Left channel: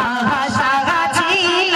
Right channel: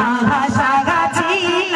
ভাষা ছিল।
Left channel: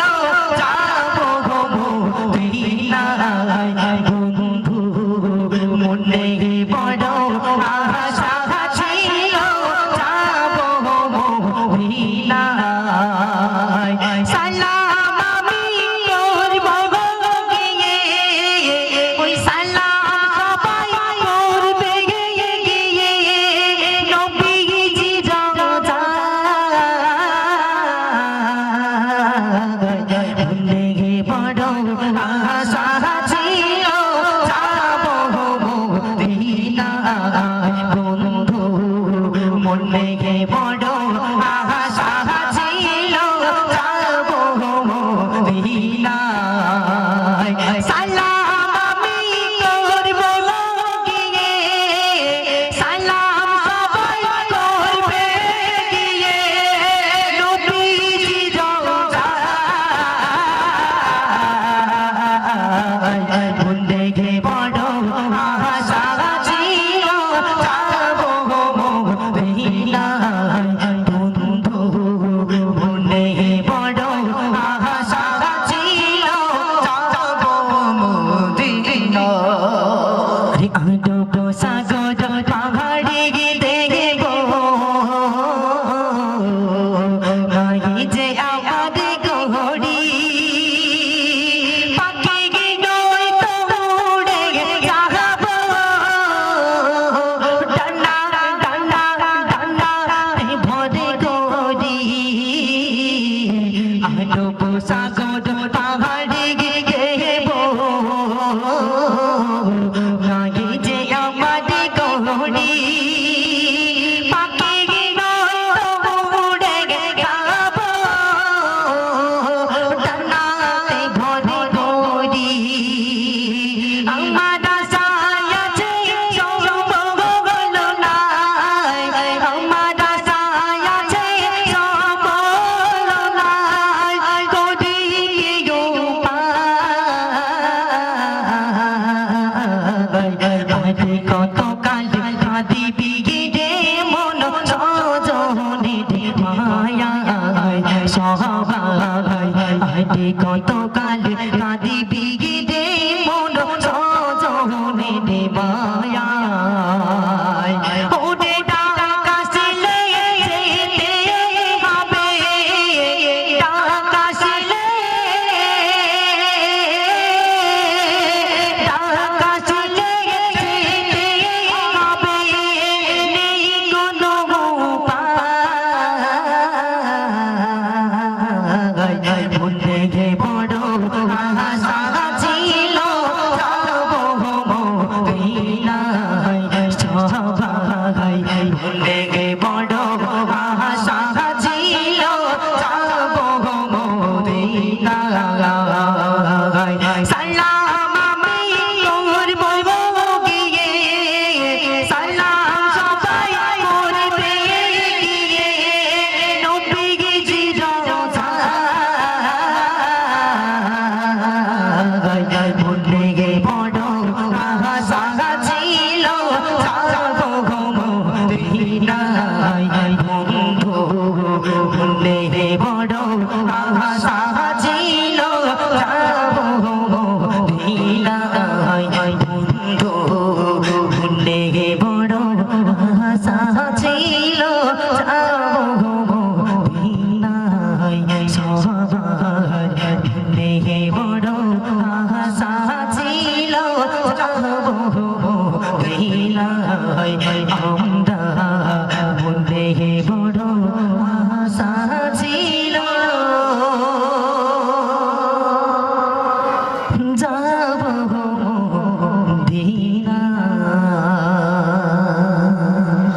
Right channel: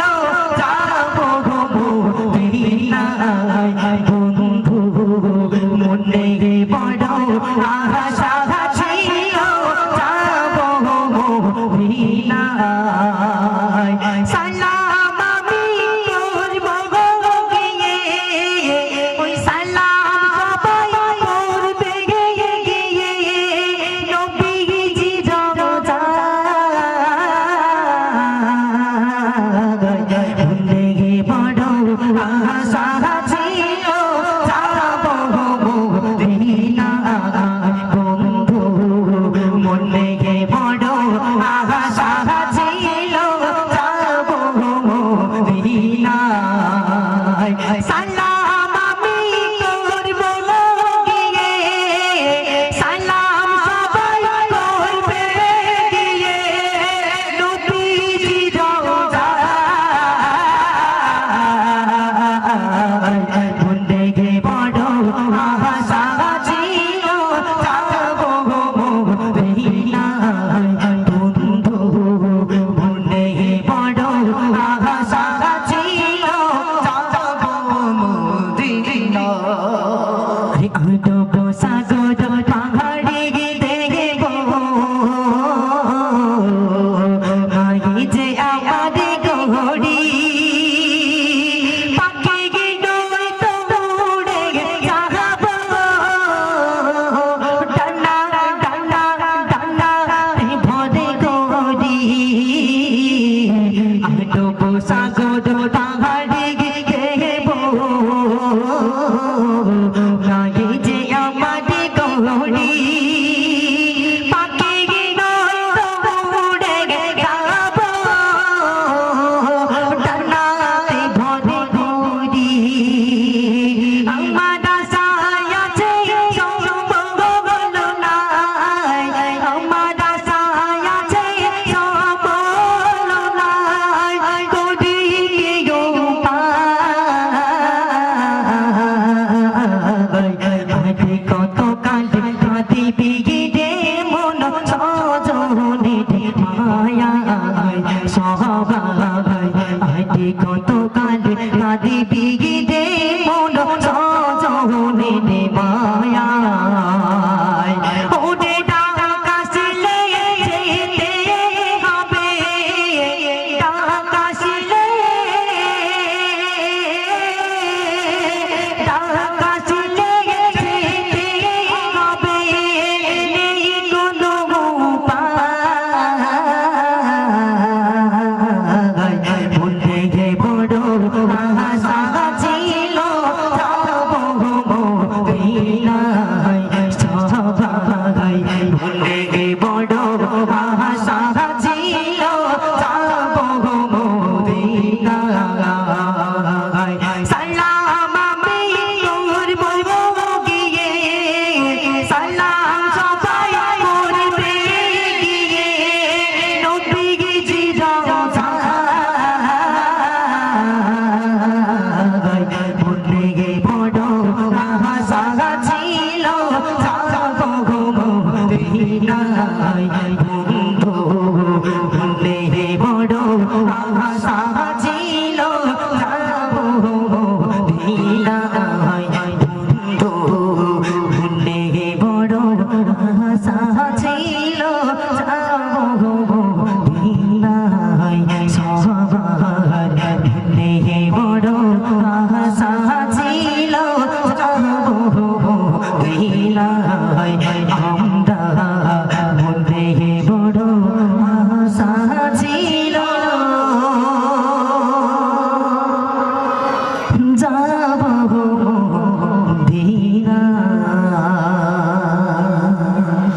ಸಾಗೋ ದೋ ದಾಗಡಿ ಗೆ ಗೆ ಬೋ কতকাল দিবি রে মন সজনে মায়া সহ